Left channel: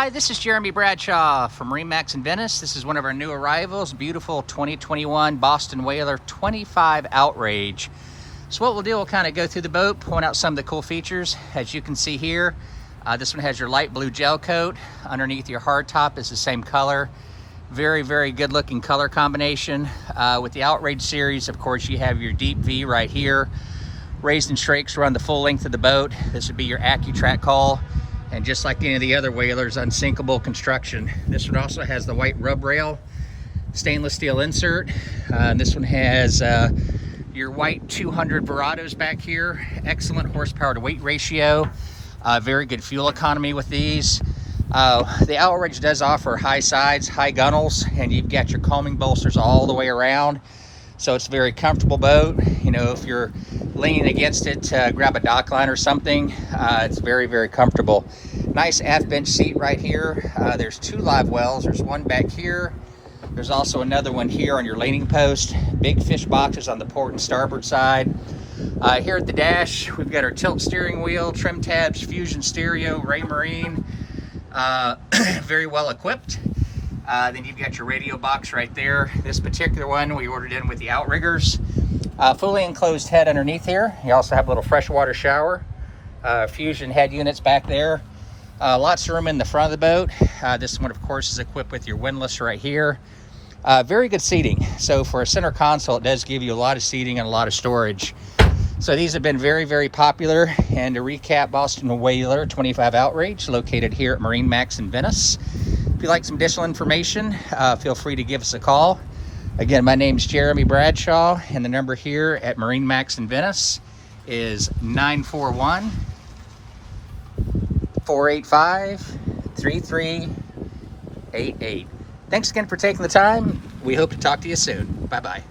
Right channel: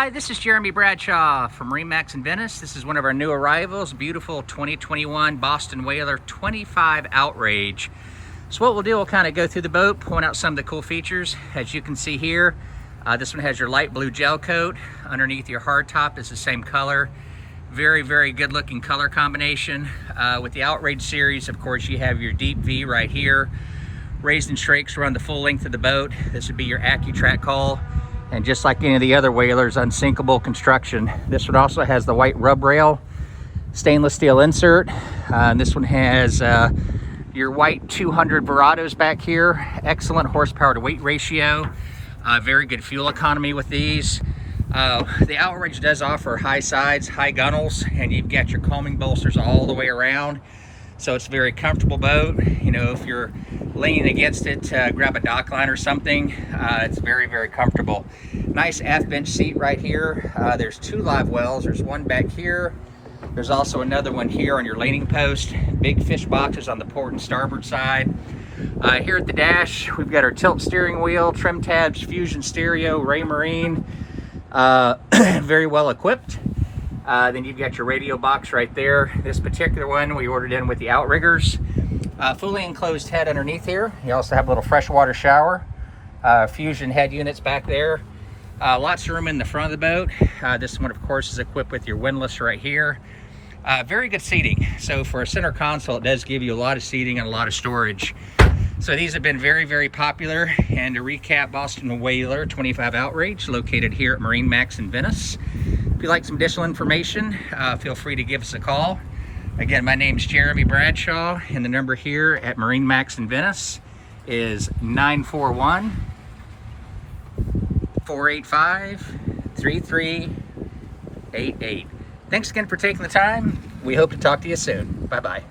Hi, this is Jeremy Bradshaw from MarineMax in Venice. This is one of our new arrivals, beautiful 2021 Boston Whaler 25 Outrage. So what we'll do, we'll kind of go through the boat, point out some of the cool features. As you can see here, this one has your light blue gel coat. Underneath your hard top is the same color. Very, very good looking color combination. With the Outrage series, of course, you have your deep V right here. Raised and strakes run the full length of the boat. This would be your AccuTrack hull. And just like any of the other Whalers, unsinkable construction. This one also has the white rub rail, stainless steel insert. And this one has your white 200 Verados back here. Excellent horsepower to weight ratio. Very good fuel economy with these. The Outrage does offer high sides, high gunnels, and you've got your coaming bolsters all the way around. So it's a very comfortable boat. You know, if you're leaning against it to grab a dock line or something, it's very, very comfortable. Nice aft bench seat right here. There's two live wells. There's one back here. There's also another one here on your leaning post. Big fish boxes on the port and starboard side. Here at the dash, we've got our tilt steering wheel, trim tabs, fusion stereo, Raymarine. Very well equipped. Then you've got your radio box right there. This particular one we ordered in with the outriggers. Fully enclosed head underneath here. You also have a little freshwater shower. Fusion head units back there. Lots of room in the front of the boat. This one, of course, is equipped with your windlass right here. Very good seating. So for a center console, it does give you a lot of seating and a lot of storage. So these have been very, very popular. And to recap, Boston Whaler 25 Outrage, located here at MarineMax in Venice. If you'd like some additional information, feel free to give us a call. Again, my name's Jeremy Bradshaw, and the number here at MarineMax in Venice is 941-485-3388. Thanks again for taking the time. We hope to talk to you soon. Bye-bye.